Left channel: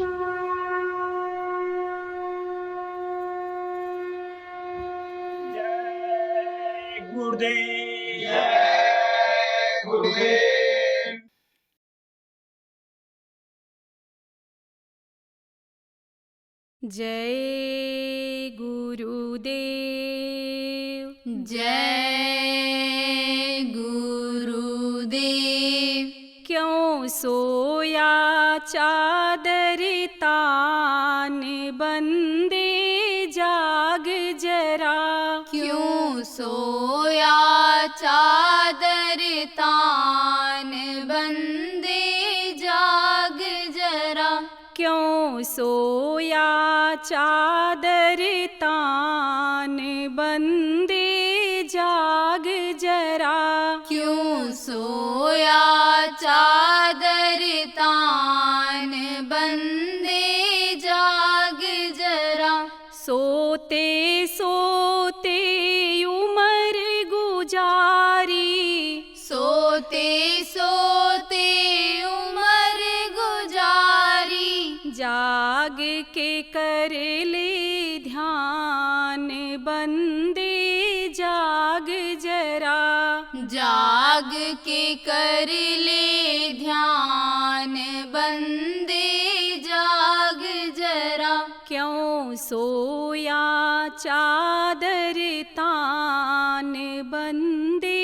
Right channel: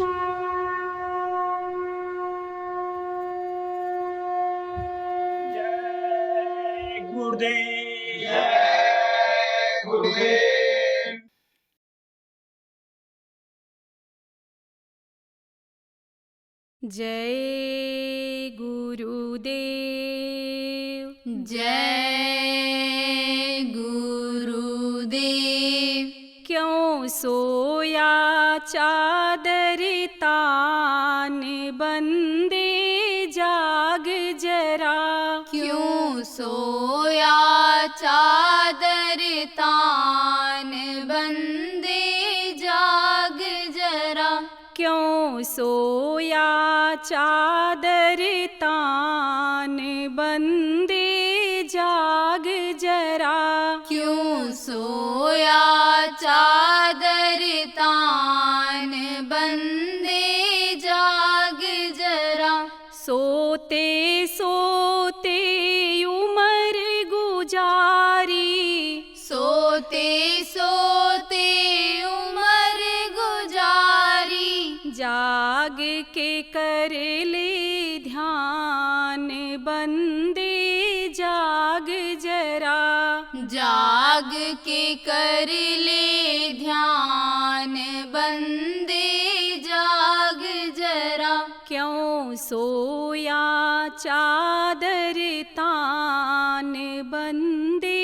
जय गुरुदेव। जय गुरुदेव। जय गुरुदेव। जय गुरुदेव। क्यों सोया चादर तान बंदे जाग जरा। क्यों सोया चादर तान बंदे जाग जरा। क्यों सोया चादर तान बंदे जाग जरा। क्यों सोया चादर तान बंदे जाग जरा। सोते सोते उमर गुजारी। सोते सोते उमर गुजारी। जाग के कर ले ध्यान बंदे जाग जरा। जाग के कर ले ध्यान बंदे जाग जरा। क्यों सोया चादर तान बंदे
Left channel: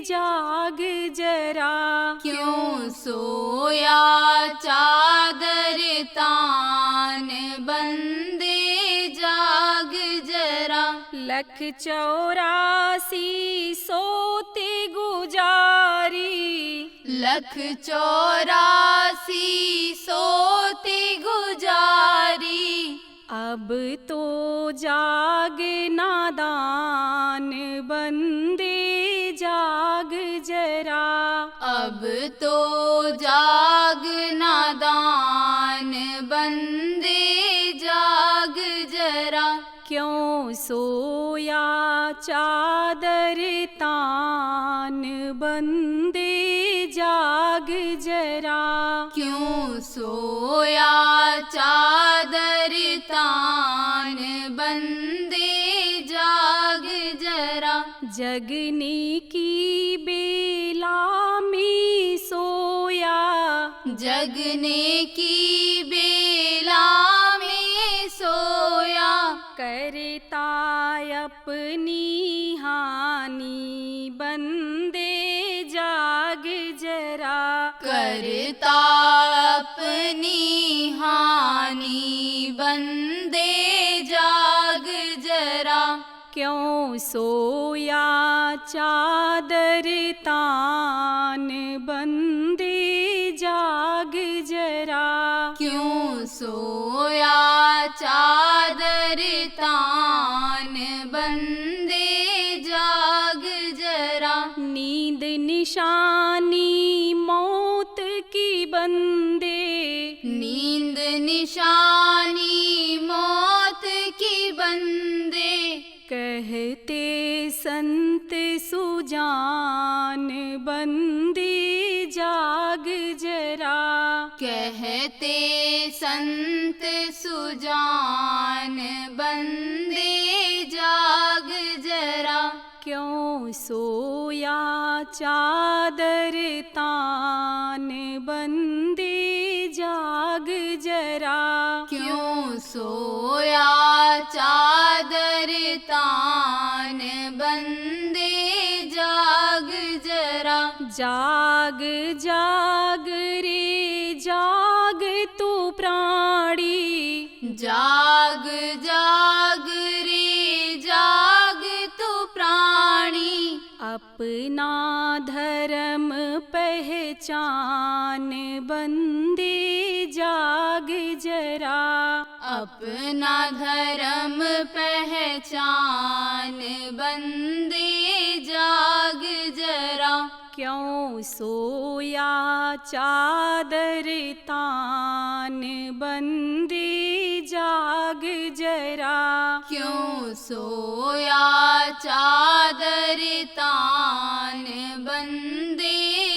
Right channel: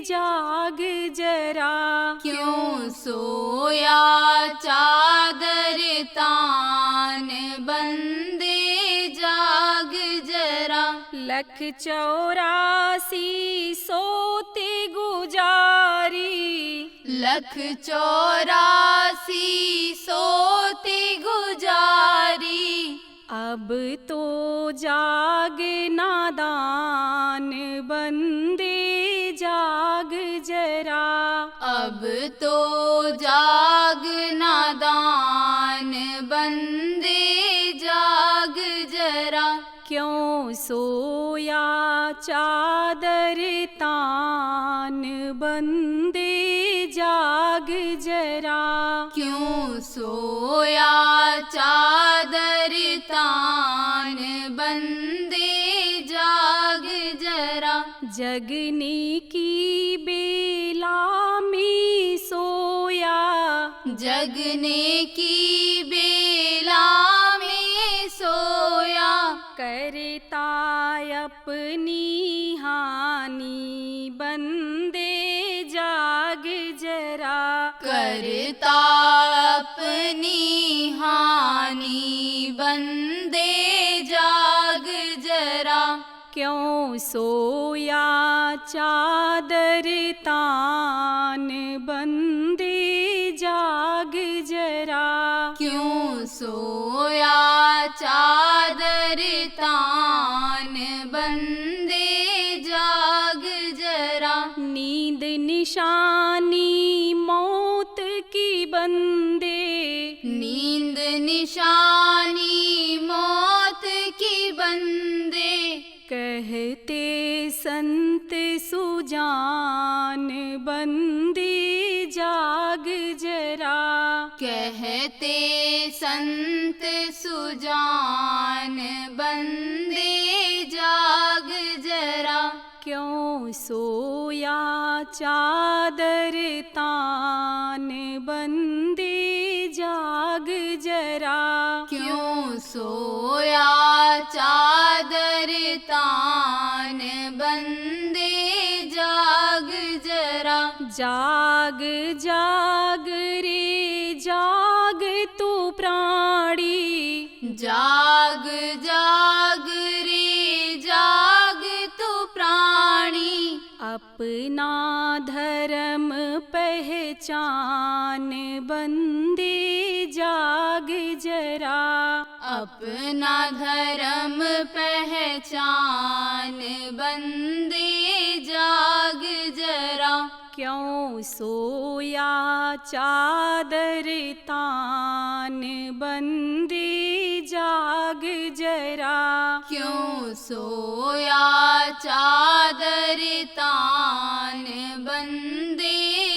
जाग जरा। क्यों सोया चादर तान बंदे जाग जरा। 184 सोते गुजारी। 184 सोते गुजारी। अब तो जाग नादान बंदे जाग जरा। अब तो जाग नादान बंदे जाग जरा। क्यों सोया चादर तान बंदे जाग जरा। क्यों सोया चादर तान बंदे जाग जरा। जगने की बेला में सोया। जगने की बेला में सोया। करता अपनी हानि बंदे जाग जरा। करता अपनी हानि बंदे जाग जरा। क्यों सोया चादर तान बंदे जाग जरा। क्यों सोया चादर तान बंदे जाग जरा। नींद निशानी मौत की बंदे। नींद निशानी मौत की बंदे। कहते संत सुजान बंदे जाग जरा। कहते संत सुजान बंदे जाग जरा। क्यों सोया चादर तान बंदे जाग जरा। क्यों सोया चादर तान बंदे जाग जरा। जाग जाग रे जाग तू प्राणी। जाग जाग रे जाग तू प्राणी। अपना धर्म पहचान बंदे जाग जरा। अपना धर्म पहचान बंदे जाग जरा। क्यों सोया चादर तान बंदे जाग जरा। क्यों सोया चादर तान बंदे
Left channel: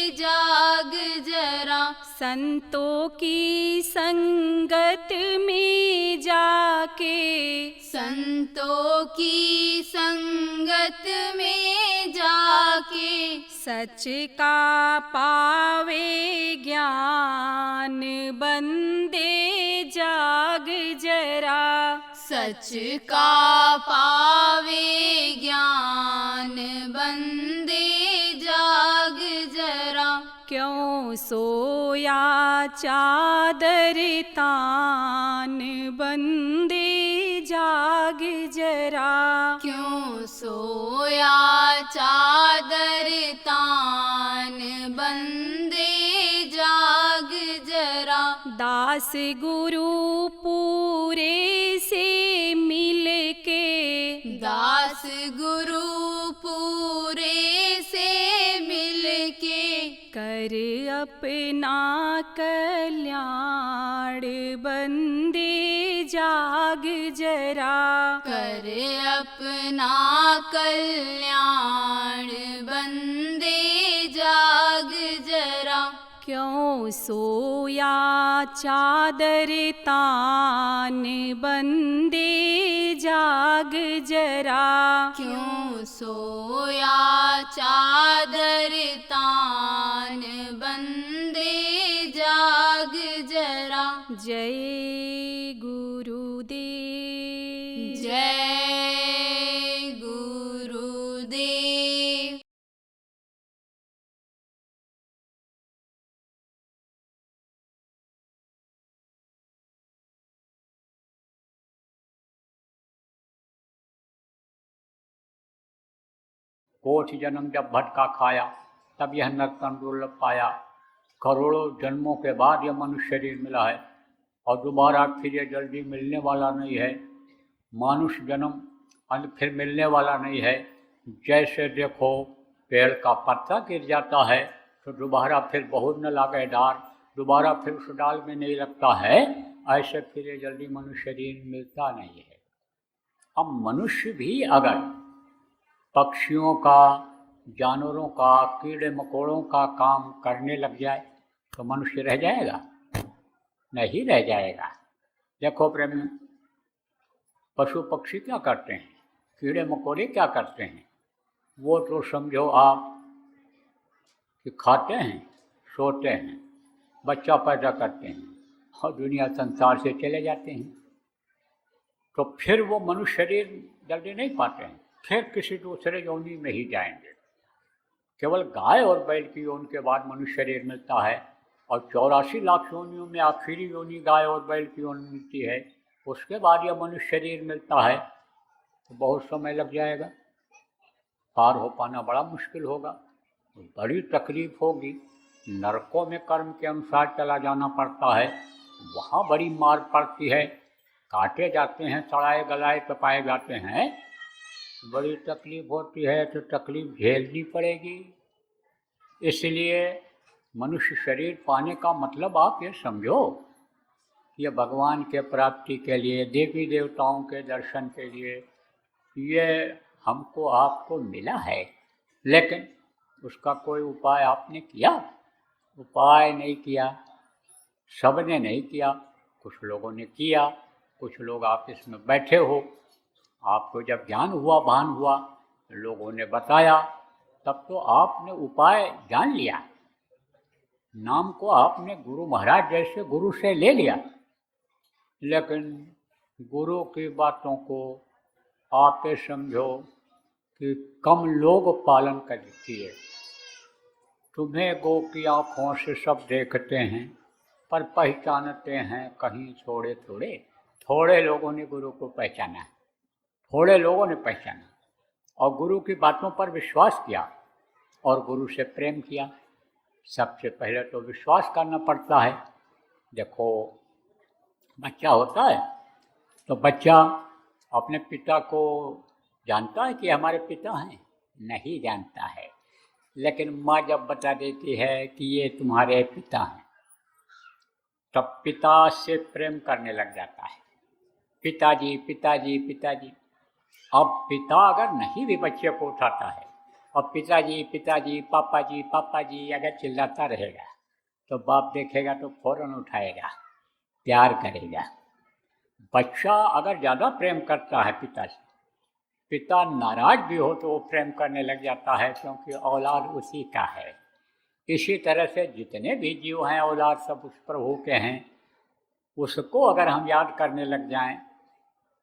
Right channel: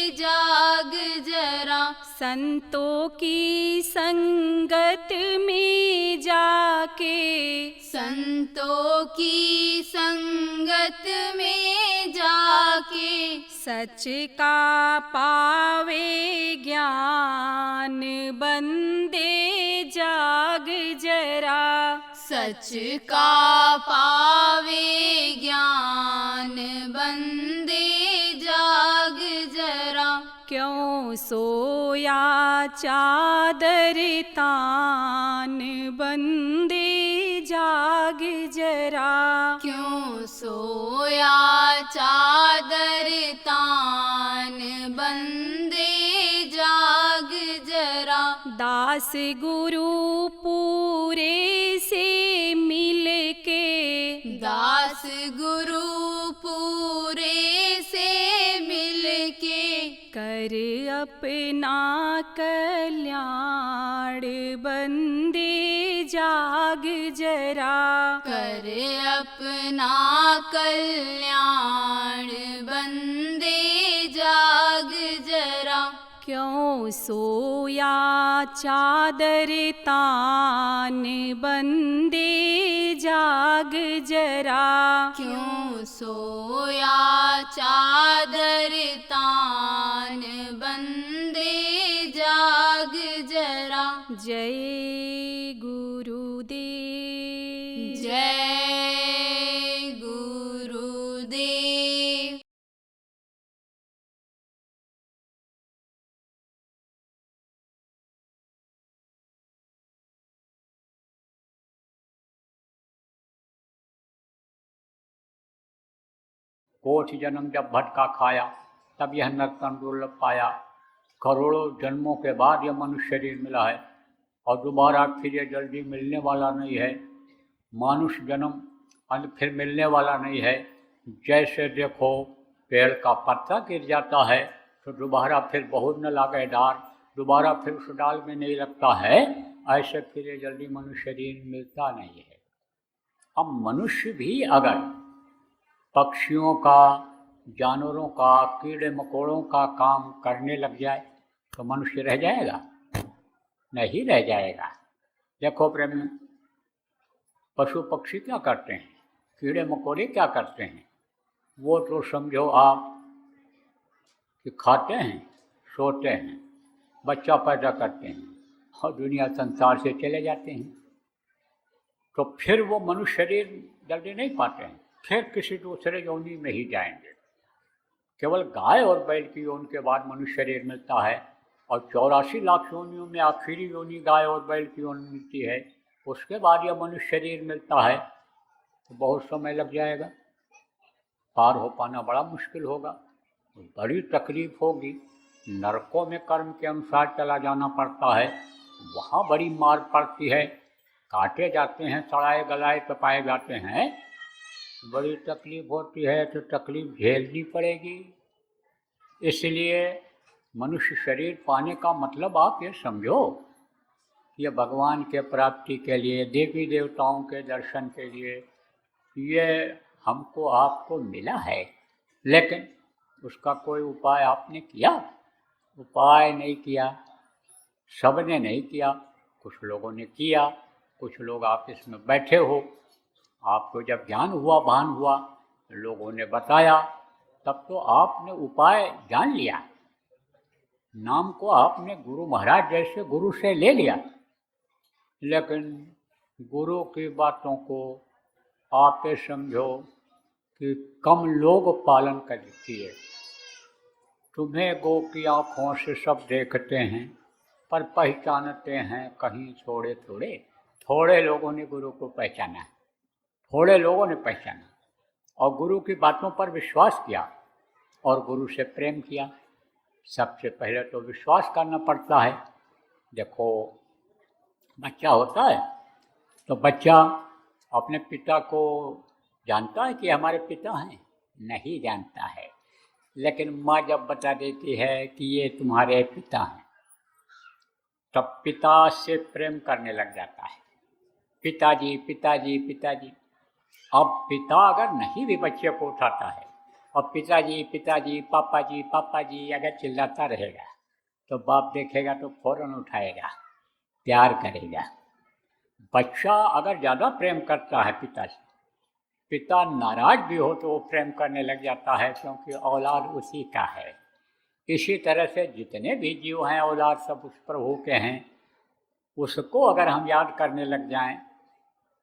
जाग जरा। संतों की संगत में जाके, संतों की संगत में जाके, सच का पावे ज्ञान बंदे जाग जरा। सच का पावे ज्ञान बंदे जाग जरा। क्यों सोया चादर तान बंदे जाग जरा। क्यों सोया चादर तान बंदे जाग जरा। दास गुरु पूरे से मिलके, दास गुरु पूरे से मिलके, कर अपना कल्याण बंदे जाग जरा। कर अपना कल्याण बंदे जाग जरा। क्यों सोया चादर तान बंदे जाग जरा। क्यों सोया चादर तान बंदे जाग जरा। जय गुरुदेव। जय गुरुदेव। कोटि जन्म जब भटका खाया, तब यह नर्तन दुर्लभ पाया। करोड़ों जन्मों के बाद यह मनुष्य शरीर मिला है और दोबारा फिर ये जल्दी मिलने वाला नहीं है। मनुष्य जन्म फिर मिलने वाला नहीं है। जैसे देखो पेड़ का पत्ता गिर जाता है तो दोबारा फिर बहुत न लागे डार, दोबारा फिर उस डाल में नहीं लगता है, ऐसे फिर ये जल्दी मनुष्य शरीर मिलता नहीं है। अब मनुष्य भी अगर पक्षियों का, जानवरों का, कीड़े मकोड़ों का काम करने लग जाए तो मनुष्य रह जाएगा? नहीं रह जाएगा। देखो प्रेम, पशु पक्षी क्या करते हैं, कीड़े मकोड़े क्या करते हैं, वो तो समझो आप कि खाते हैं, सोते हैं, बच्चा पैदा करते हैं और दुनिया संसार से चले जाते हैं। तो फिर वो मनुष्य शरीर जल्दी नहीं पाते हैं, फिर किसी दूसरे योनि में ही जाएंगे। केवल गाय और बैल की योनि के बाद मनुष्य शरीर मिलता है और 84 लाख योनियों में आखिरी योनि गाय और बैल की योनि मिलती है, उसके बाद यह मनुष्य शरीर मिलता है। तो बहुत समय लग जाएगा, पार हो पाना बड़ा मुश्किल होगा, बड़ी तकलीफ होगी। नरकों में कर्म के अनुसार चला जाना पड़ता है, वहाँ बड़ी मार पड़ती है, काटे जाते हैं, सड़ाए गलाए तपाए जाते हैं, बड़ी तकलीफ होती है। तो तकलीफ झेलनी पड़ेगी। इसलिए मनुष्य शरीर पाने का मतलब आप ये समझो, ये भगवान के प्राप्ति के लिए, देवी देवताओं के दर्शन के लिए ये हमको आपको मिला है। लेकिन उसका कोई उपाय आपने किया? उपाय नहीं किया, सबने नहीं किया। कुछ लोगों ने किया, कुछ लोग आपस में बैठे हो, आपको जब ज्ञान हुआ, भान हुआ, लोगों ने बताया, तब तो आपने उपाय जान लिया, नाम को आपने गुरु महाराज जैसे गुरु से ले लिया। लेकिन गुरु की बातों को आप ये समझो कि कम लोग पालन कर किए। तुम्हें गो की आँखों से सब देखते हैं पर पहचानते हैं कहीं थोड़े थोड़े। थोड़े लोगों ने गुरु को पहचाना, थोड़े लोगों ने पहचाना और गुरु की बातों पर विश्वास किया और गुरु से प्रेम किया। सबसे पहले तो विश्वास करना पड़ता है। देखो बच्चा होता है तो बच्चा अपने पिता को जानता है कि हमारे पिता हैं? नहीं जानता है। लेकिन माँ जब बता देती है कि ये तुम्हारे पिता हैं, तब पिता से प्रेम करने लग जाता है। पिताजी पिताजी पिताजी। अब पिता अगर नहीं भी बच्चे को उठाता है और पिताजी पिताजी पापा जी अगर चिल्लाता रहेगा तो बाप देखेगा तो फौरन उठाएगा, प्यार करेगा। बच्चा अगर ज़्यादा प्रेम करता है पिता से, पिता नाराज भी हो तो वो प्रेम करने लग जाता है, क्योंकि औलाद उसी का है। इसी तरह से जितने भी जीव हैं औलाद सब उस प्रभु के हैं। उसको अगर हम याद करने लग जाएं,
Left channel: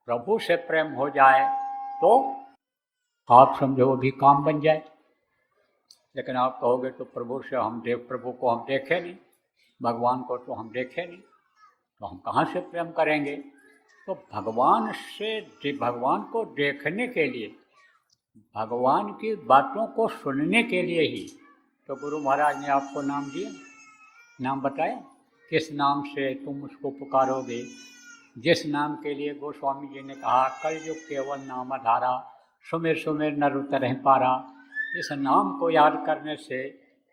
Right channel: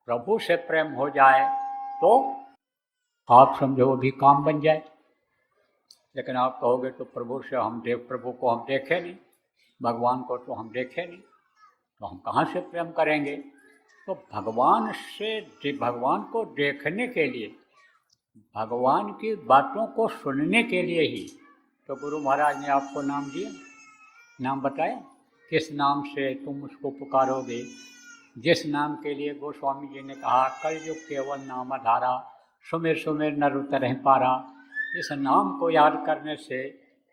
प्रभु से प्रेम हो जाए, तो आप समझो वो भी काम बन जाए। लेकिन आप कहोगे तो प्रभु को हम देखे नहीं, भगवान को तो हम देखे नहीं, तो हम कहाँ से प्रेम करेंगे? तो भगवान को देखने के लिए, भगवान की बातों को सुनने के लिए ही तो गुरु महाराज ने आपको नाम दिया। नाम बताए, किस नाम से तुम उसको पुकारोगे? जिस नाम के लिए गोस्वामी जी ने कहा, कलयुग केवल नाम आधारा, सुमेर सुमेर नर उतर पारा। इस नाम को याद करने से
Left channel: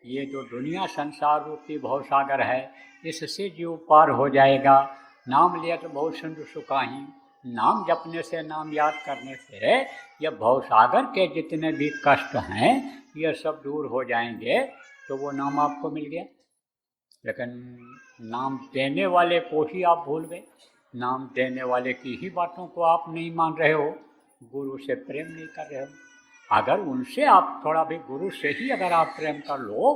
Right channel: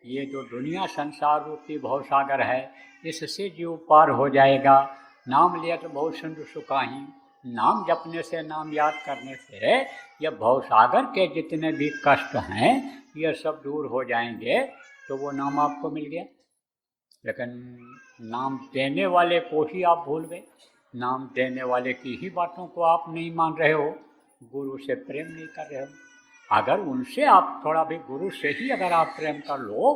ये जो दुनिया संसार रूपी भवसागर है, इससे जीव पार हो जाएगा। नाम लिया तो बहुत संत सुखाई। नाम जपने से, नाम याद करने से ये भवसागर के जितने भी कष्ट हैं ये सब दूर हो जाएंगे। तो वो नाम आपको मिल गया। लेकिन नाम देने वाले को ही आप भूल गए, नाम देने वाले की ही बातों को आप नहीं मान रहे हो, गुरु से प्रेम नहीं कर रहे हो। अगर उनसे आप थोड़ा भी, गुरु से ही अगर आप प्रेम कर लो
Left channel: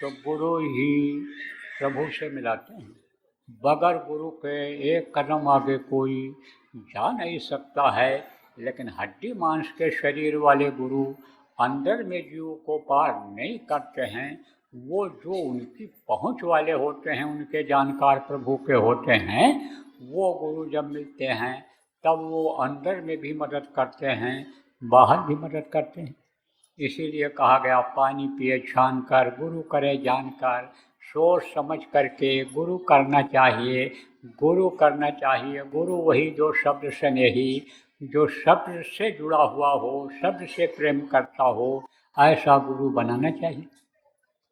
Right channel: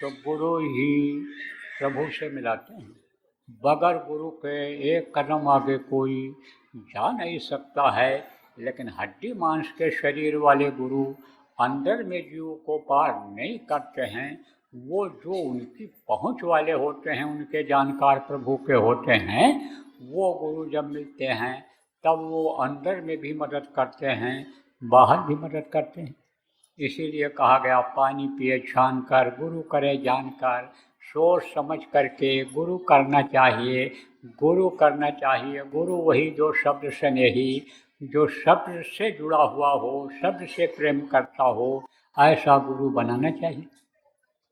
तो गुरु ही प्रभु से मिलाते हैं। बगैर गुरु के एक कदम आगे कोई जा नहीं सकता है। लेकिन हड्डी मांस के शरीर वाले गुरु अंदर में जीव को पार नहीं करते हैं। वो जो उनकी पहुंच वाले होते हैं, उनके जानकार प्रभु के होते हैं, वो गुरु जब मिलते हैं तब वो अंदर में भी मदद करते हैं, बाहर भी मदद करते हैं। इसीलिए कहा गया, पानी पिए छान कर, गुरु करे जानकार। सोच समझ करके गुरु करना चाहिए, गुरु करना चाहिए। गुरु वही जो शब्द स्नेही, जो शब्द से जुड़ा हुआ हो, शब्द से प्रेम करता हो, ऐसा गुरु बनाना चाहिए।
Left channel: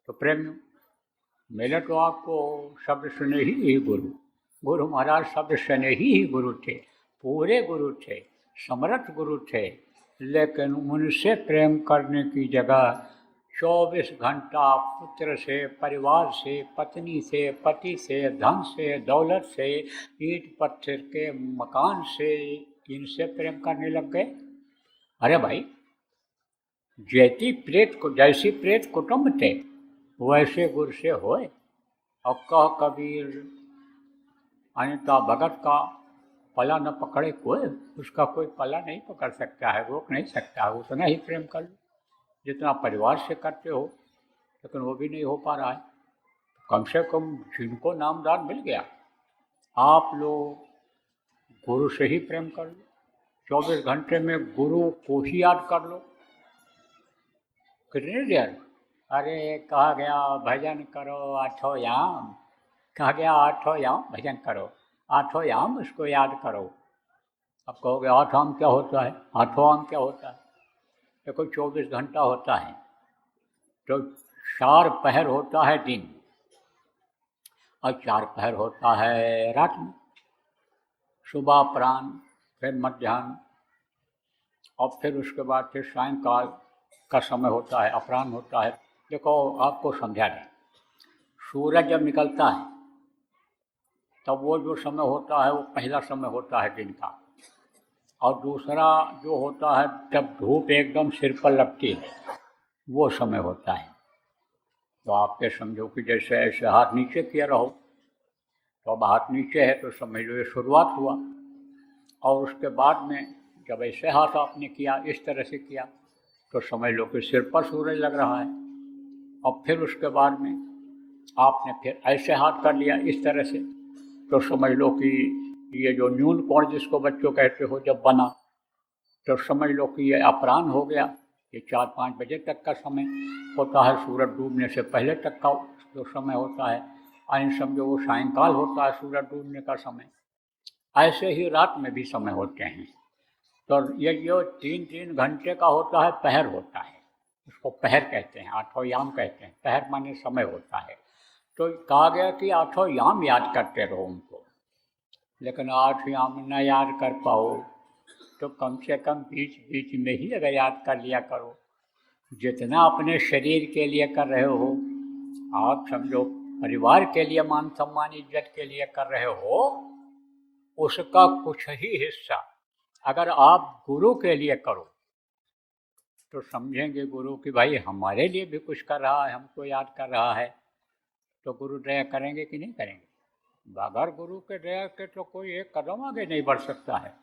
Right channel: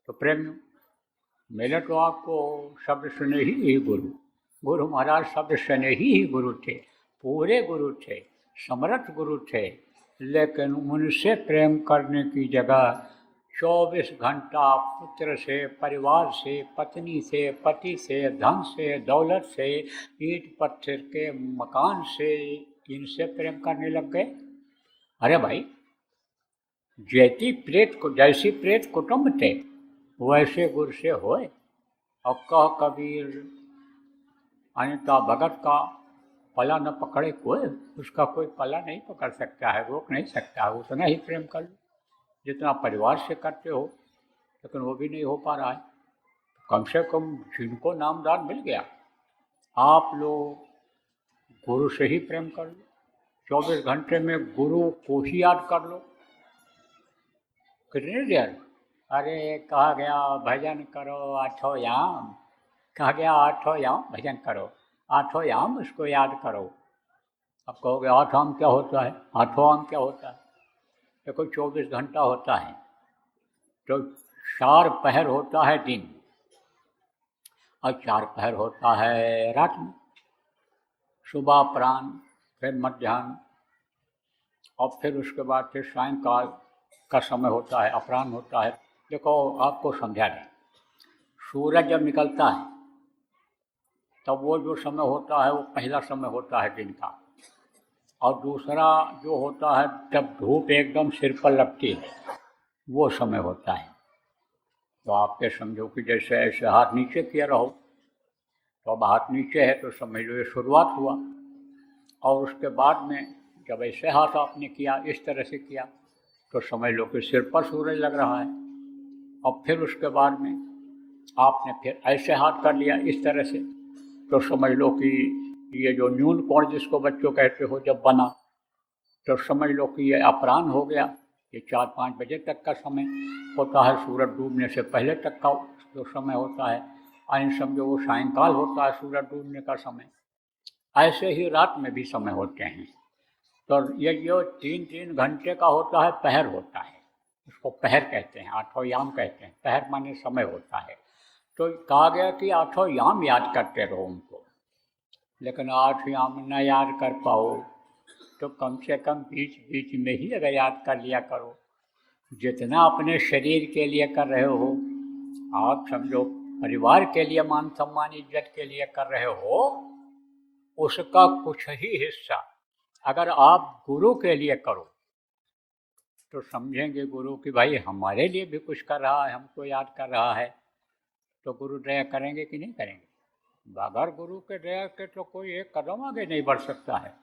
तो प्रेम मिले तो आपको शब्द स्नेही ही गुरु महाराज शब्द स्नेही ही गुरु थे, पूरे गुरु थे, समर्थ गुरु थे। लेकिन उनसे प्रेम करने की जगह 24 घंटा पुत्र से, परिवार से, पत्नी से, पति से, धन से, दौलत से, ईंट पत्थर के मकान से, इनसे प्रेम करने लग गए। अरे भाई, जैसी प्रेत कुटुंब थे वैसे गुरु से होए। अब कह कबीर अनिता भगत का पला न पकड़े कोई, उसका कोई पला नहीं पकड़ सकता है, रोक नहीं सकता है। उतना ही प्रेम कर लो जितना परिवार से करते हो। लेकिन वो भी नहीं हो पा रहा है। कम से कम जिनको नामदान मिल गया, आप लोग गुरु से ही प्रेम कर लो। 24 घंटे में गुरु को ही याद कर लो। कितनी देर? अरे कहा गया भजन करो 8 याम, कहा गया 8 याम भजन करो, 8 याम उसको याद करो। अब कहोगे 8 याम क्या होता है? 8 याम क्या होता है? देखो 24 घंटा होता है तो 4 पहर होता है दिन और 4 पहर होता है रात में, सुबह, अपराह्न, फिर मध्याह्न और फिर उसके बाद फिर सायंकाल का समय होता है, अपराह्न होता है। देखो आपको समझा दें, सूरज जब निकलता है तब वो जो समय होता है वो पहला समय होता है दिन का, और दूसरा जो होता है जब धूप एकदम सिर पर लगती है वो समय होता है। तो आप ये समझो कि जैसे ऐसे हाथ नीचे किया रहो, तो अब हाथ नीचे है तो समझ लो ये शुरुआत हुआ। और उसके बाद में जब ऐसे हाथ आपने किया, इस तरह से किया, तो समझ लो कि सिर पर सूरज लग रहा है। और फिर उसके बाद में आपने फिर ऐसे हाथ कर लिया इस तरह से, तो समझ लो कि ये जो न्यून कोण जिसको बच्चों कहते हो जब बना, तो समझ लो कि ये अपराह्न हो गया। ये 4-5 बजे तक का समय होता है, सूरज डूबने से पहले तक का तो समय होता है। सायंकाल होता है सूरज डूबने का समय। ऐसे ही रात में भी समय होते हैं। तो ये जो 3-3 घंटे का होता है, पहर होता है, उसको पहर कहते हैं, 8 याम कहते हैं। पहर माने समय होता है। तो कहा गया कि 8 याम याद करते रहो उनको। लेकिन 8 याम न याद कर पाओ तो कम से कम बीच बीच में ही अगर याद कर लिया करो। जितना अपने शरीर के लिए कर रहे हो, आप समझो परिवार के लिए, मान सम्मान इज्जत के लिए कर रहे हो, उसका कुछ ही हिस्सा अगर आप गुरु के लिए करो तो समझेंगे गुरु कि भाई हमारे लिए भी कुछ कर रहा है, हमको याद कर रहा है, तो गुरु दया करेंगे कि नहीं करेंगे। बगैर गुरु के दया के तो कोई एक कदम आगे नहीं बढ़ सकता है।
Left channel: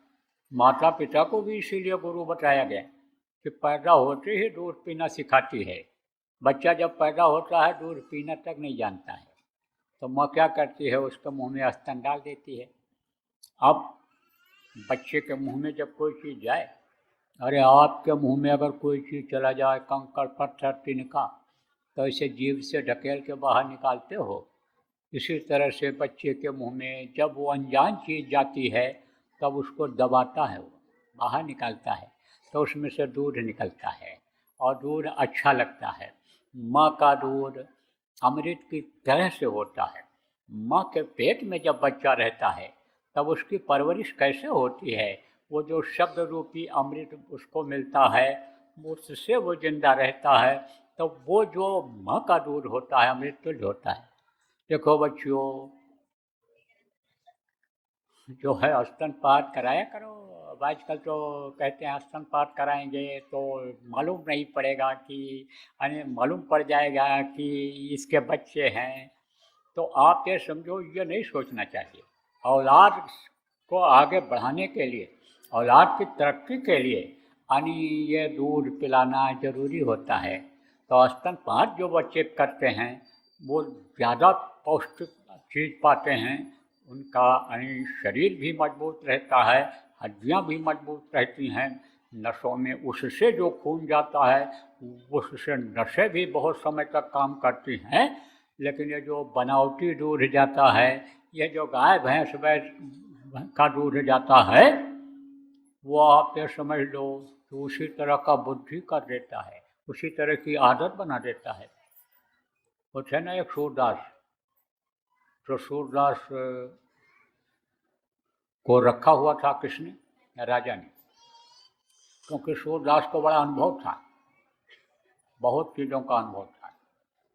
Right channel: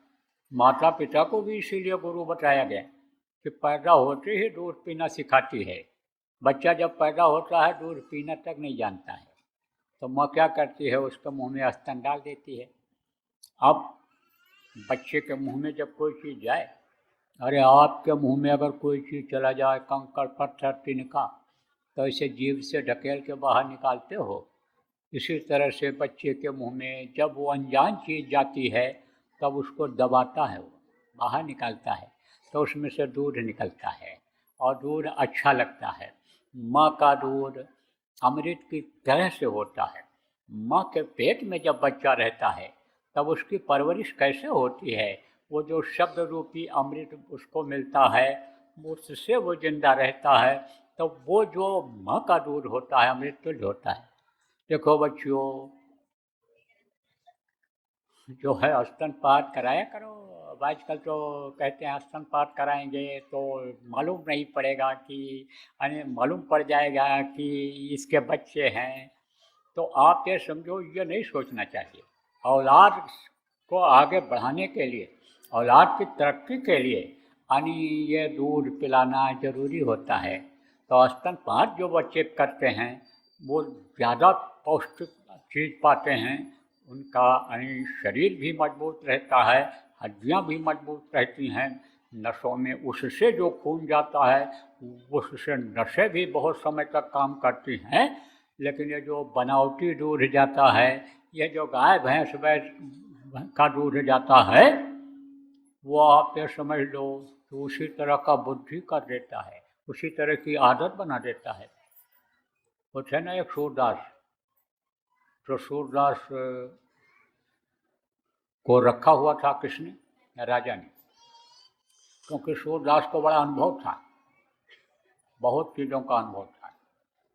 माता पिता को भी इसीलिए गुरु बताया गया कि पैदा होते ही दूध पीना सिखाती है। बच्चा जब पैदा होता है दूध पीना तक नहीं जानता है, तो माँ क्या करती है, उसके मुंह में स्तन डाल देती है। अब बच्चे के मुंह में जब कोई चीज़ जाए, अरे आपके मुंह में अगर कोई चीज़ चला जाए, कंकड़ पत्थर तिनका, तो इसे जीभ से ढकेल के बाहर निकालते हो। इसी तरह से बच्चे के मुंह में जब वो अनजान चीज़ जाती है तब उसको दबाता है, वो बाहर निकालता है, तो उसमें से दूध निकलता है और दूध अच्छा लगता है। माँ का दूध अमृत की तरह से होता है। माँ के पेट में जब बच्चा रहता है तब उसकी परवरिश कैसे होती है, वो जो शब्द रूपी अमृत उसको मिलता है, उससे वो जिंदा रहता है। तो वो जो माँ का दूध होता है अमृत तुल्य होता है। देखो बच्चियों, जो है स्तनपान कराया करो। अब आजकल तो कहते हैं स्तनपान कराएंगे तो मालूम नहीं पड़ेगा कि, मालूम पड़ जाएगा कि इसके बच्चे हैं। तो आप ये समझो, ये नहीं सोचना चाहिए। औलाद को आगे बढ़ाने के लिए, औलाद की तरक्की के लिए यानी ये दूध पिलाना ज़रूरी होता है। तो स्तनपान जो बच्चे करते हैं वो ज़्यादा पौष्टिक चीज़ पाते हैं, उनका शरीर भी मजबूत रहता है, हड्डियाँ भी मजबूत रहती हैं। नसों में उससे जो खून जाता है उससे नसें भी बहुत समय तक काम करती हैं। लेकिन ये जो बनावटी दूध जाता है, ये जो गाय भैंस का दूध जाता है, वो आप ये समझ लो कि उसी तरह का बुद्धि कर देता है, उसी तरह की आदत बना देता है। कुछ है ना, एक सूरदास, तो सूरदास को रखा हुआ था किसने, राजा ने, क्योंकि सूरदास को बड़ा अनुभव था, बहुत चीज़ों का अनुभव था।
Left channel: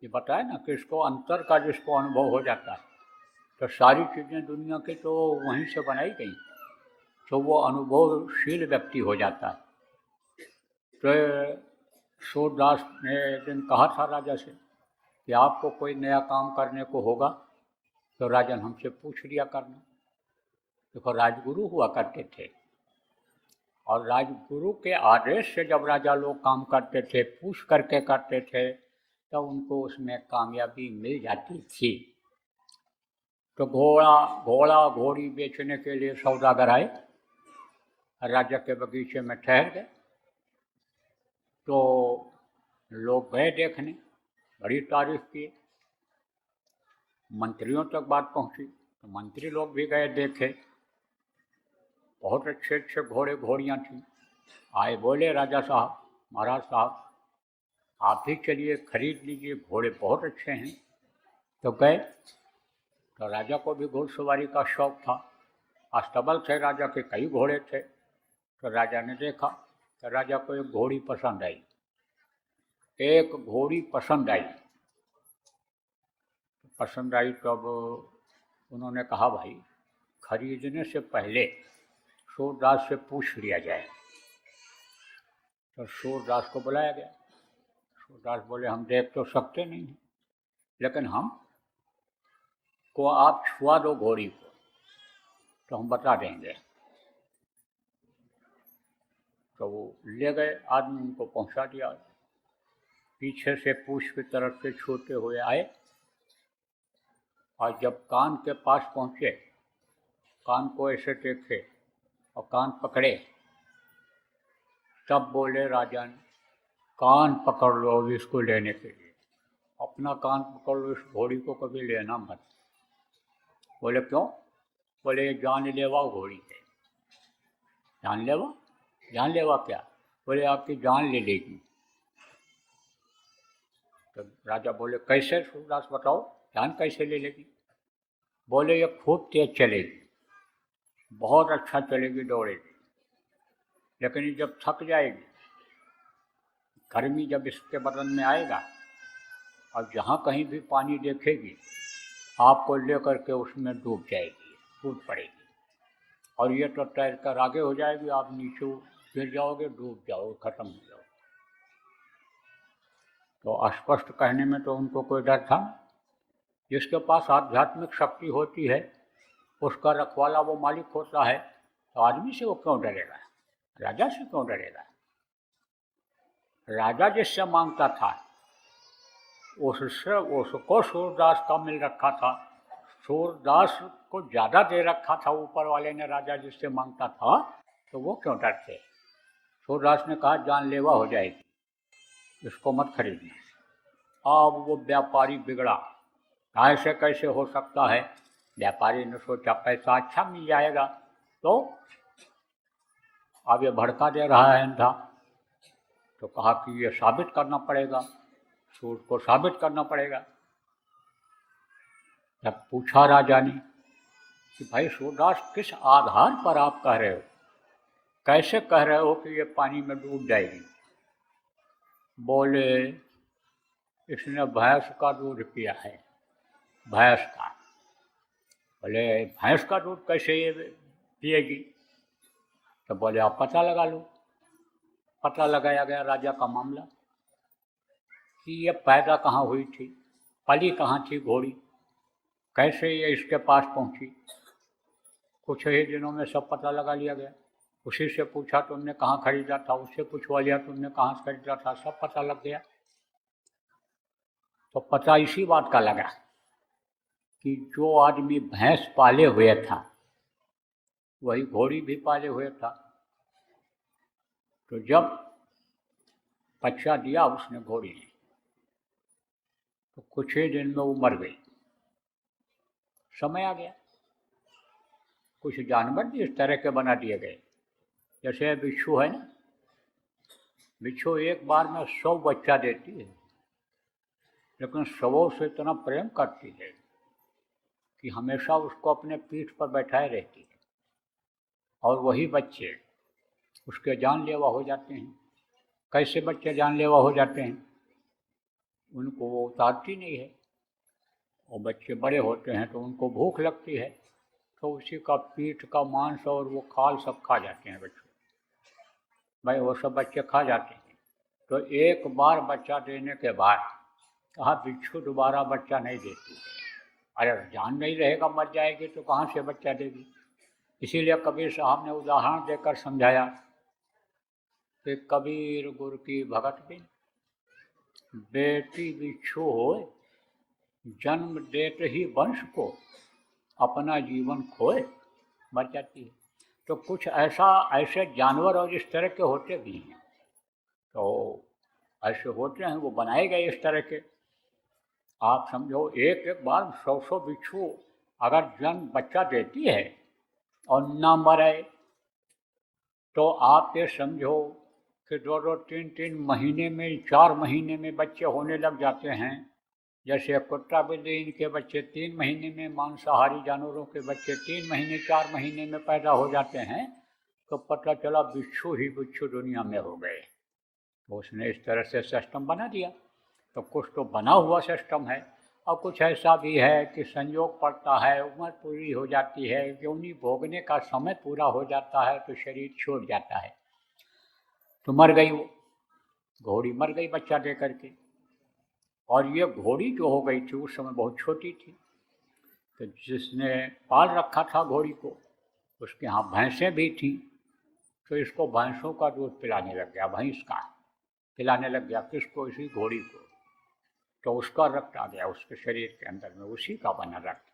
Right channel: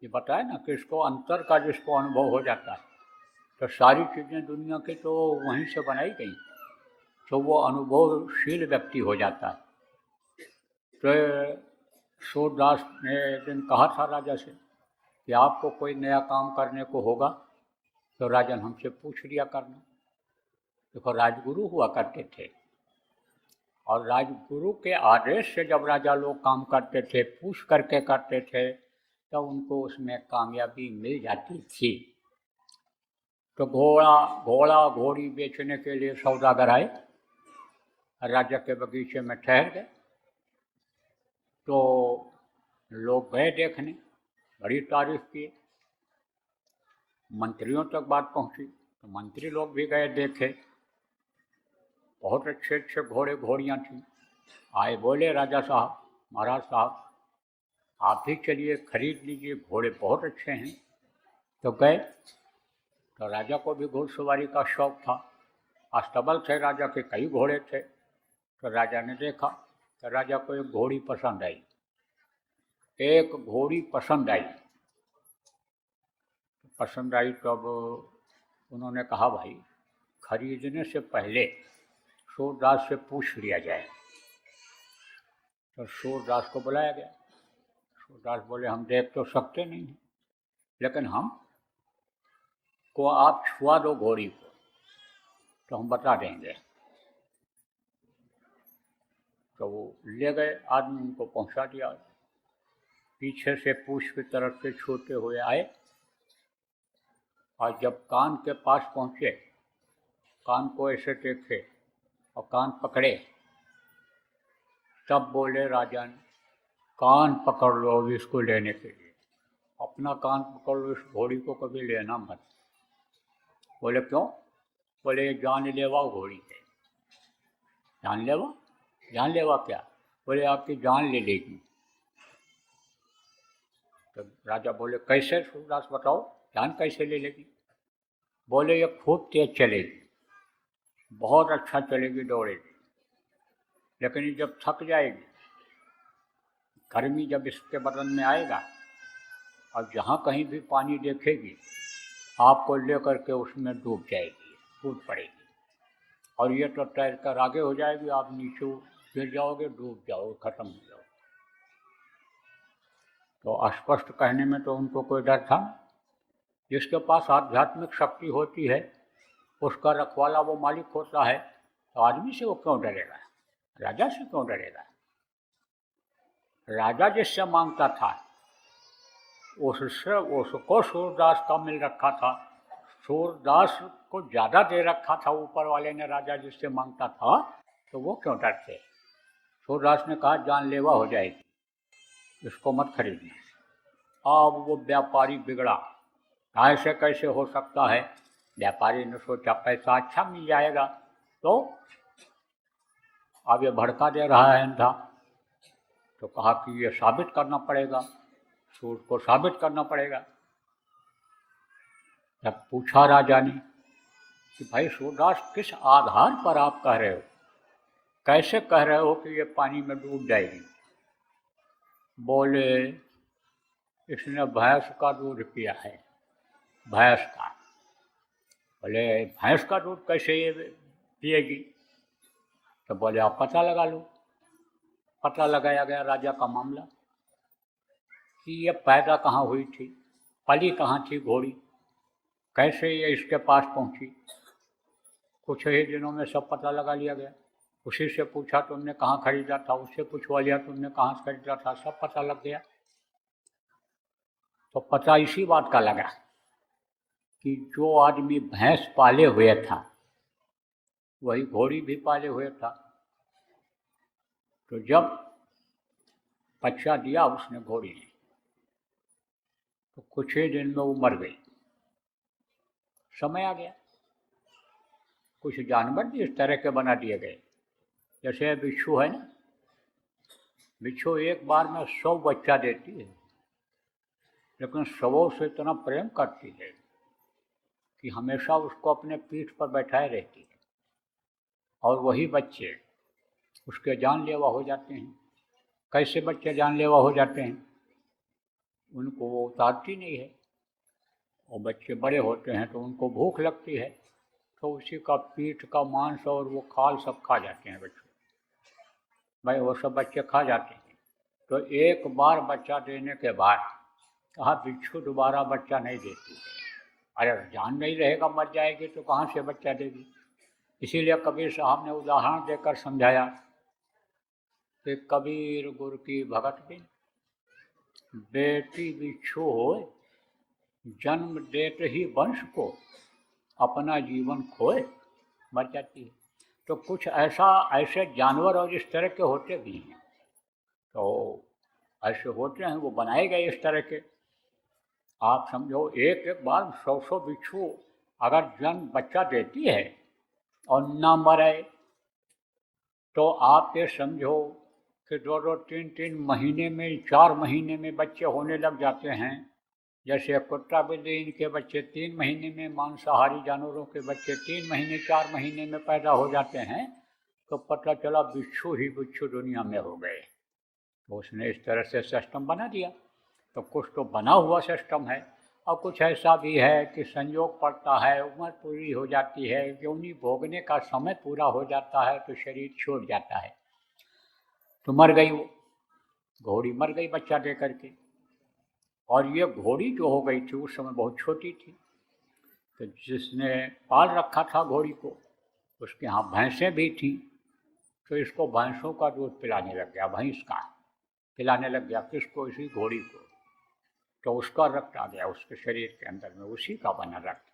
ये बताया ना कि इसको अंतर का जिसको अनुभव हो जाता है, तो सारी चीज़ें दुनिया के तो वहीं से बनाई गई, तो वो अनुभवशील व्यक्ति हो जाता है। तो सूरदास ने एक दिन कहा था राजा से कि आपको कोई नया काम करने को होगा तो राजन हमसे पूछ लिया करना। तो राजगुरु हुआ करते थे और राजगुरु के आदेश से जब राजा लोग काम करते थे, पूछ करके करते थे, तो उनको उसमें कामयाबी मिल जाती थी। तो घोड़ा घोड़ी बेचने के लिए सौदागर आए, राजा के बगीचे में ठहर गए। तो लोग गए देखने, बड़ी तारीफ की, मंत्रियों तक बात पहुंची, तो मंत्री लोग भी गए देखे, बहुत अच्छे अच्छे घोड़े घोड़ियाँ थीं। आए बोले राजा साहब, महाराज साहब आप भी चलिए खरीद लीजिए, घोड़े बहुत अच्छे हैं। तो गए, तो राजा को भी घोड़सवारी का शौक था, अस्तबल थे राजा के, कई घोड़े थे। तो राजा ने देखा, तो राजा को एक घोड़ी पसंद आई, एक घोड़ी पसंद आई। तो अब उन्होंने कहा भाई खरीदने से पहले सूरदास से पूछ लिया जाए। तो सूरदास को बुलाया गया। सूरदास बोले हम देख तो सकते नहीं हैं, लेकिन को आप छुआ दो घोड़ी को तो हम बता देंगे। तो वो ले गए, आदमी उनको पहुंचा दिया। पीछे से पूछ की तरफ से छूते हुए आए और जब कान के पास पहुंचे, कान को ऐसे देखे और कान पकड़े, तब बोले राजन कान पकड़ लो इसको लेने के लिए, अपना कान पकड़ लो, इस घोड़ी को कभी लेना मत। बोले क्यों? बोले जानलेवा घोड़ी है। जानलेवा? जानलेवा क्या? बोले आपकी जान ले लेगी। तो राजा बोले कैसे सूरदास बताओ, जान कैसे ले लेगी? बोले ये खूब तेज चलेगी, बहुत अच्छा चलेगी, दौड़ेगी, लेकिन जब थक जाएगी, गर्मी जब इसके बदन में आएगा और जहाँ कहीं भी पानी देखेगी आपको लेकर के उसमें डूब जाएगी, कूद पड़ेगी, और ये तो तैर कर आगे हो जाएगी, आप नीचे गिर जाओगे, डूब जाओगे, खत्म हो जाओगे। तो स्पष्ट कहने में तो उनको कोई डर था। जिसके पास आध्यात्मिक शक्ति होती है, उसका रखवाला वो मालिक होता है, तो आदमी से वो क्यों डरेगा, राजा से क्यों डरेगा। राजा जिससे मांगता था उसको सूरदास का मिल रखा था, सूरदास को ज़्यादा दे रखा था ऊपर वाले ने, राजा जिससे मांगता था, तो वो क्यों डरते। सूरदास ने कहा जानलेवा हो जाएगी, इसको मत खरीदना। अब वो व्यापारी बिगड़ा, ऐसे कैसे हो सकता है। व्यापारी ने सोचा पैसा अच्छा मिल जाएगा, तो आगे भड़का दे रहा है था, तो कहा कि ये साबित करना पड़ेगा, उसको साबित करना पड़ेगा। जब पूछा राजा ने कि भाई सूरदास किस आधार पर आप कह रहे हो, कैसे कह रहे हो कि ये पानी में डूब जाएगी। बोले इसने भैंस का दूध पिया है, भैंस का। बोले भैंस का दूध कैसे ये पिएगी। तो बोले आप पता लगा लो। पता लगाया गया राजा का मामला कि ये पैदा कहाँ हुई थी, पली कहाँ थी घोड़ी, कैसे ये इसके पास पहुंची। कुछ ही दिनों में सब पता लगा लिया गया। उसी से पूछा तुमने कहाँ खरीदा था, उससे पूछवा लिया तुमने कहाँ से खरीदा था, सब पता लग गया। तो पता इसी बात का लगा कि जो आदमी भैंस पाले हुए था वही घोड़ी भी पाले हुए था। तो जब बच्चा दिया उसने घोड़ी ने, तो कुछ ही दिन में वो मर गई। समय आ गया, कुछ जानवर इस तरह के बना दिए गए। जैसे बिच्छू है ना, बिच्छू एक बार में 100 बच्चा देती है, लेकिन 100 से इतना प्रेम करती है कि हमेशा उसको अपने पीठ पर बैठाए रहती है, और वही बच्चे उसके जानलेवा हो जाते हैं। कैसे बच्चे जानलेवा हो जाते हैं, उनको वो उतारती नहीं है, और बच्चे बड़े होते हैं तो उनको भूख लगती है, तो उसी का पीठ का मांस और वो खाल सब खा जाते हैं बच्चे। भाई वो सब बच्चे खा जाते हैं। तो एक बार बच्चा देने के बाद कहा बिच्छू दोबारा बच्चा नहीं देती है। अरे जान नहीं रहेगा, मर जाएगी तो कहाँ से बच्चा देगी। इसीलिए कबीर साहब ने उदाहरण देकर समझाया कि कबीर गुरु की भगत बिन बेटी बिच्छू हो, जन्म देते ही वंश को अपना जीवन खोए, मर जाती है। तो कुछ ऐसे जानवर और इस तरह के होते भी हैं, तो ऐसे होते हैं, वो बनाए गए इस तरह के। आप समझो एक एक बार 100 बिच्छू अगर जन्म बच्चा देती है और ना मरे, तो आप ये समझो कि 2-2, 3-3 महीने में, 4 महीने में बच्चे होने लग जाते हैं। जैसे कुत्ता बिल्ली इनके बच्चे 3 महीने में, मांसाहारी जानवरों के बच्चे 3 महीने 4 महीने में पैदा हो जाते हैं। तो पता चला बिच्छू ही बिच्छू दुनिया में हो गए। तो उसने इस तरह से सिस्टम बना दिया। तो कुछ तो बना हुआ सिस्टम है, और कुछ ऐसा भी है कि संयोग पड़ता है, उम्र पूरी हो जाती है, योनि भोगने का समय पूरा हो जाता है, तो शरीर छोड़ जाता है। तो मर गई वो घोड़ी, मर गई बच्चा दे करके। और ये घोड़ी जो हो गई थी उस समय बहुत छोटी थी। तो जिसने पाल रखा था घोड़ी को, उसके यहाँ भैंसें भी थी, तो इसको भैंसों का दूध पिलाने लग गया, भैंस का पिलाने लग गया। किसको? इसी घोड़ी को। तो उसका रक्त आ गया उसके शरीर के अंदर में, उसी का बना रक्त।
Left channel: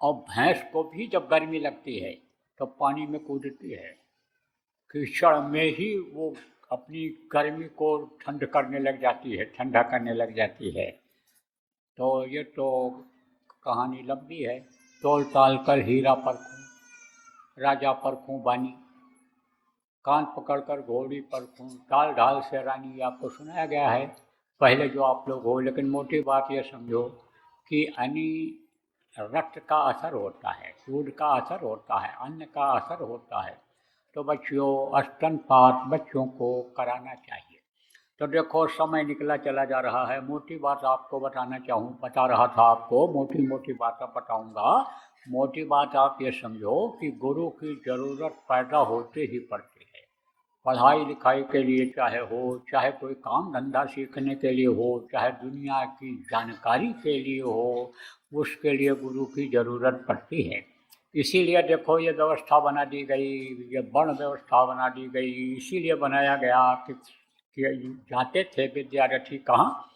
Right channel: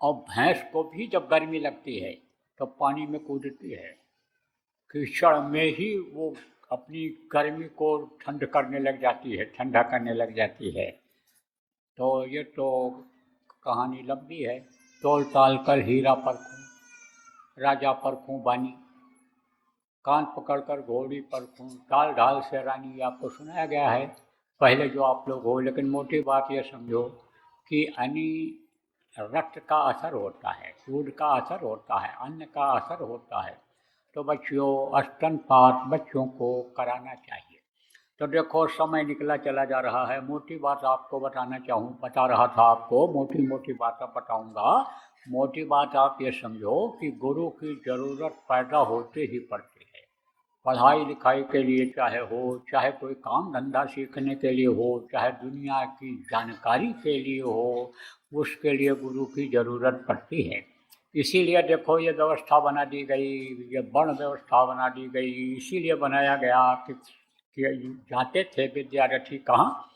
और भैंस को भी जब गर्मी लगती है तो पानी में कूदती है, कीचड़ में ही वो अपनी गर्मी को ठंड करने लग जाती है, ठंडा करने लग जाती है। तो ये तो कहानी लंबी है। तोल ताल कर हीरा परखूं, राजा परखूं बानी, कान पकड़कर घोड़ी परखूं, ताल ढाल से रानी, आपको सुनाया गया है पहले जो आप लोग हो। लेकिन मोटी बात ये समझो कि रक्त का असर होता है, दूध का असर होता है, अन्न का असर होता है। तो बच्चों स्तनपान बच्चों को कराना चाहिए। तो देखो समय निकला चला जा रहा है। मोटी बात आपको बता रहा था आपको, मोटी मोटी बातें बताऊंगा। मोटी बात आप ये समझो कि गुरु की जरूरत पैदा होते ही पड़ती है। पढ़ाई लिखाई के लिए चाहे कोई काम धंधा सीखने के लिए हो, चाहे दुनिया की जानकारी के लिए हो, उसके लिए गुरु की जरूरत पड़ती है। इसीलिए देखो ये व्यवस्था बना दी गई, ये वर्ण व्यवस्था बना दी गई। इसीलिए बनाया गया कि जाते थे विद्यार्थी कहाँ,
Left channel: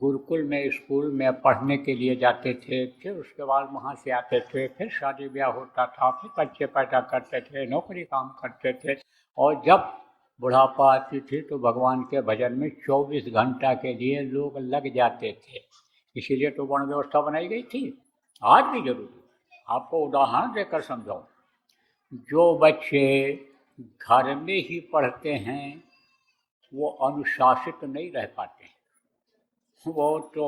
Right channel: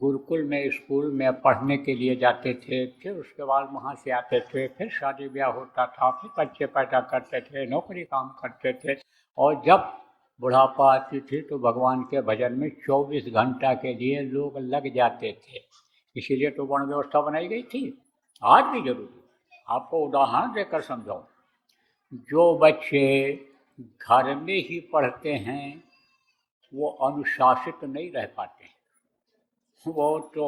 गुरुकुल में, स्कूल में पढ़ने के लिए जाते थे। फिर उसके बाद वहाँ से आते थे, फिर शादी ब्याह होता था, फिर बच्चे पैदा करते थे, नौकरी काम करते थे। और जब बुढ़ापा आती थी तो भगवान के भजन में 24 घंटा के लिए लोग लग जाते थे। इसीलिए तो वर्ण व्यवस्था बनाई गई थी। आज भी जरूरी। आपको उदाहरण देकर समझाऊं, जो बच्चे घर में ही पढ़ते हैं वो अनुशासित नहीं रह पाते हैं। वो तो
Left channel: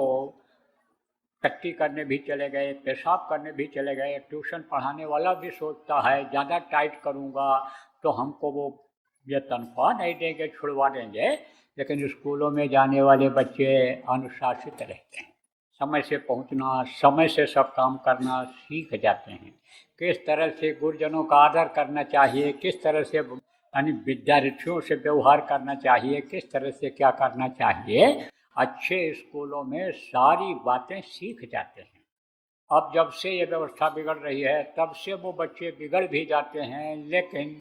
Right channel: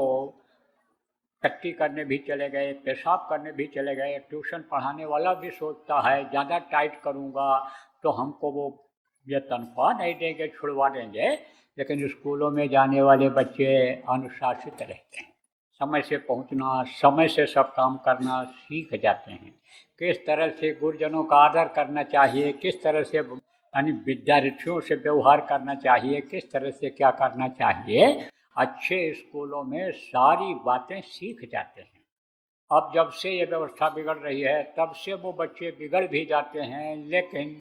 टट्टी करने भी चले गए, पेशाब करने भी चले गए। ट्यूशन पढ़ाने वाला भी सोचता है ज़्यादा टाइट करूँगा तो हमको वो ये तनख्वाह नहीं देंगे, छुड़वा देंगे। लेकिन स्कूलों में जाने वाले बच्चे अनुशासित रहते हैं, समय से पहुंचना, समय से सब काम करना सीख जाते हैं। किस तरह से गुरुजनों का आदर करना चाहिए, किस तरह से यानी विद्यार्थियों से व्यवहार करना चाहिए, किस तरह से क्या करना चाहिए, अच्छे स्कूलों में सारी बातें सीख जाते हैं। अब जब से ये व्यवस्था बिगड़ रही है तब से वो बच्चे बिगड़ भी जाते हैं। लेकिन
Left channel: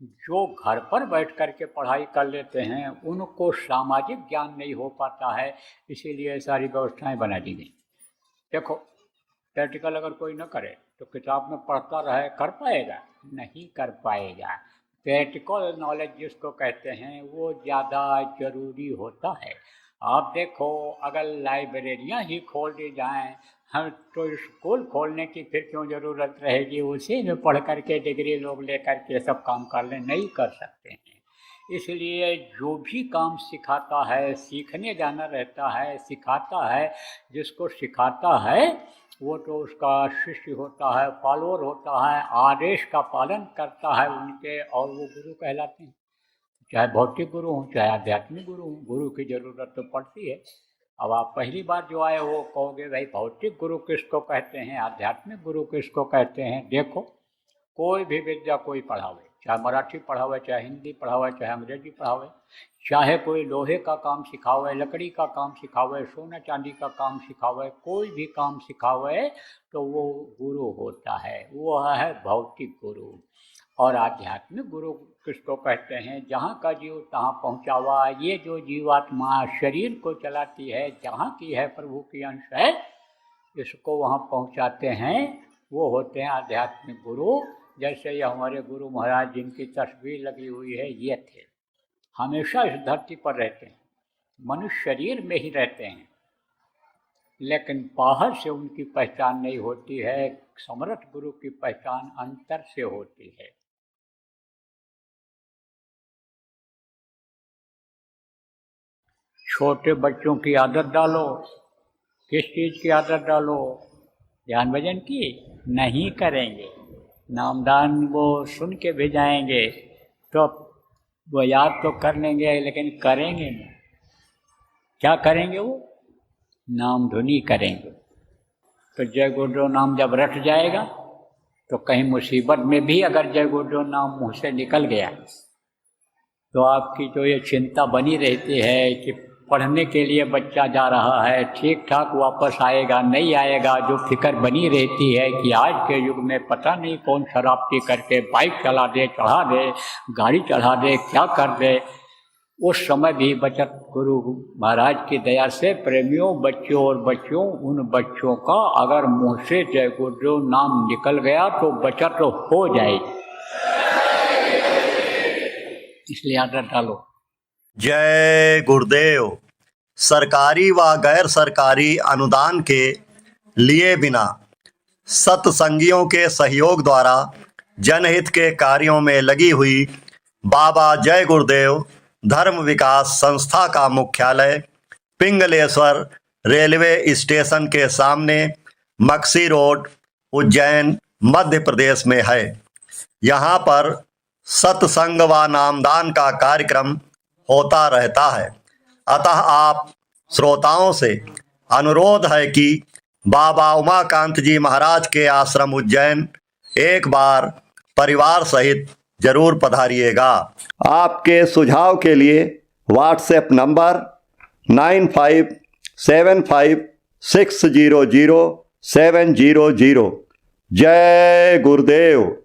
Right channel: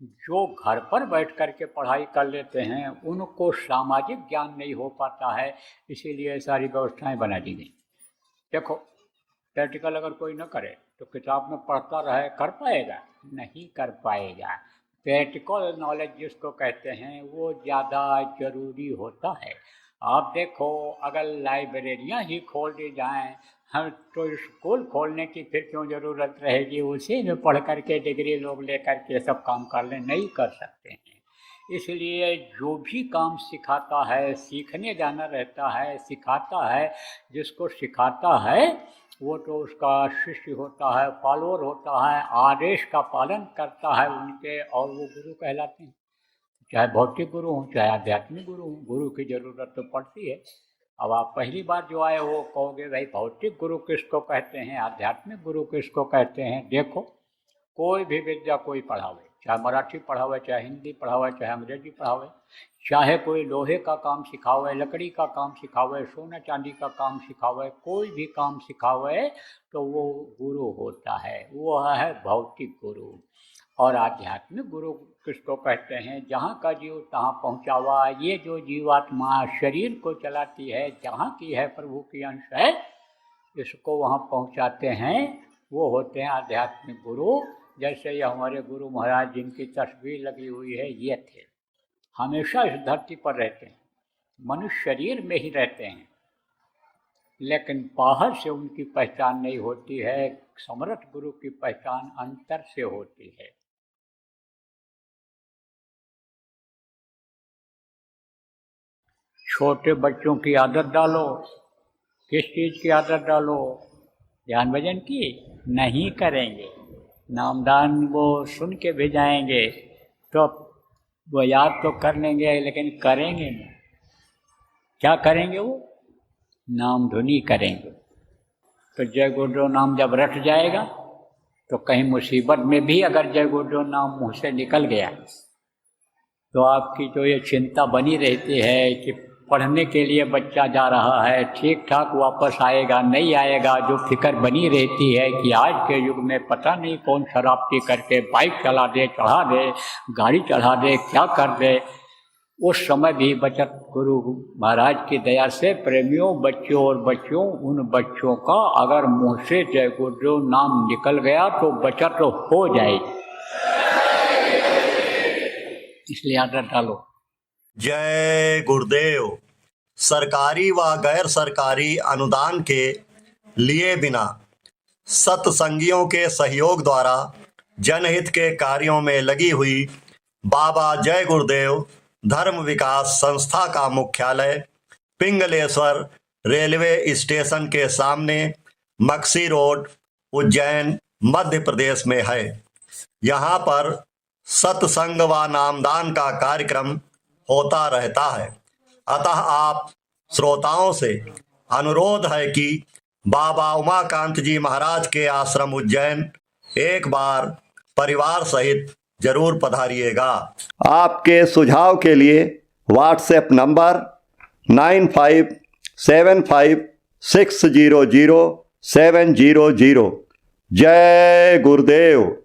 जो घर पर बैठ कर के पढ़ाई कर लेते हैं उनको सामाजिक ज्ञान नहीं हो पाता है, इसीलिए सारी व्यवस्थाएं बना दी गई। देखो प्रैक्टिकल अगर कोई न करे तो किताब में पढ़ता रहे, कर पाएगा? नहीं कर पाएगा। प्रैक्टिकल नॉलेज जिसको कहते हैं वो ज़्यादा ज़रूरी होता है। आप देखो अगर लाइब्रेरियाँ ही खोल दी जाएँ, हम तो स्कूल खोलने की फिर क्यों ज़रूरत रहेगी? उसी में पढ़ कर के डिग्री लोग ले कर के सब काम कर लें, नहीं कर सकते हैं। इसलिए जो भी काम सिखाता है, सीखने जाना रहता है, सिखाता है, जिसको सिखाता है वो तो उसका शिष्य होता है, फॉलोअर होता है, आदेश का पालन करता है उनके, और वो गुरु कहलाते हैं। चाहे भौतिक गुरु हो चाहे आध्यात्मिक गुरु हो, गुरु की ज़रूरत तो पड़ती है। अब आप पहली बार जो आए हो कहोगे भाई भौतिक गुरु किसको कहते हैं, आध्यात्मिक गुरु किसको कहते हैं? देखो कोई भी विद्या कोई पढ़ावे, चाहे मराठी पढ़ावे, चाहे हिंदी पढ़ावे, चाहे अंग्रेजी पढ़ावे, चाहे कोई लोहे का काम सिखावे, लकड़ी का काम सिखावे, सोना चांदी का काम सिखावे, कोई भी काम सिखावे तो वो गुरु होता है, वो है भौतिक गुरु। और आध्यात्मिक गुरु किसको कहते हैं? जहाँ का जीव तहाँ पहुँचा हुआ। ये जो जीवात्मा शरीर को चलाती है, जहाँ की है प्रभु की अंश है, इसको वहाँ पहुँचाते हैं, वो होते हैं आध्यात्मिक गुरु। जैसे ये हमारे गुरु महाराज जिनकी तस्वीर लगी हुई है, ये थे, हमेशा इस धरती पर रहते हैं, मनुष्य शरीर में ही रहते हैं, लेकिन बाहर से उनकी पहचान नहीं होती है। समर्थ गुरु की पहचान अंतर से होती है। छोटे बच्चों की आदत डालो, किस चीज़ की आदत डालो? ध्यान भजन की नहीं करेंगे, नामदान वो सुन के भी जाएंगे तो वो याद तो कर लेंगे लेकिन करेंगे नहीं। क्या करेंगे? वो नाम धुनी करेंगे। तो जय गुरुदेव नाम जब रट जाएगा तो कहीं मुसीबत में भी अगर जय गुरुदेव नाम मुँह से निकल गया तो आपकी जो ये चिंता बनी रहती है कि पढ़ने के लिए बच्चा जा रहा है, ठीक ठाक वापस आएगा नहीं आएगा, जो फिक्र बनी रहती है कि आज के युग में पता नहीं कौन शराब पी करके बाइक चला दे, चढ़ा दे, गाड़ी चढ़ा दे, क्या कर दे, उस समय भी बचत गुरु महाराज की दया से प्रेमियों, बच्चों और बच्चियों, उन बच्चों का अगर मुँह से जय गुरुदेव नाम निकल गया तो बचत हो जाएगी। इसलिए आदत डालो। जय गुरुदेव। सरकारी व गैर सरकारी अनुदान के लिए बिना सत्संगियों के सहयोग द्वारा जनहित के कार्यों में लगी हुई बाबा जय गुरुदेव धर्म विकास संस्था का मुख्यालय पिंगलेश्वर रेलवे स्टेशन के सामने मक्सी रोड, उज्जैन, मध्य प्रदेश में है। यहाँ पर सत्संग व नामदान का कार्यक्रम होता रहता है। अतः आप श्रोताओं से अनुरोध है कि बाबा उमाकांत जी महाराज के आश्रम उज्जैन एक बार परिवार सहित जरूर पधारिएगा। आपके सुझाव के लिए व्हाट्सएप नंबर 9575600700। जय गुरुदेव।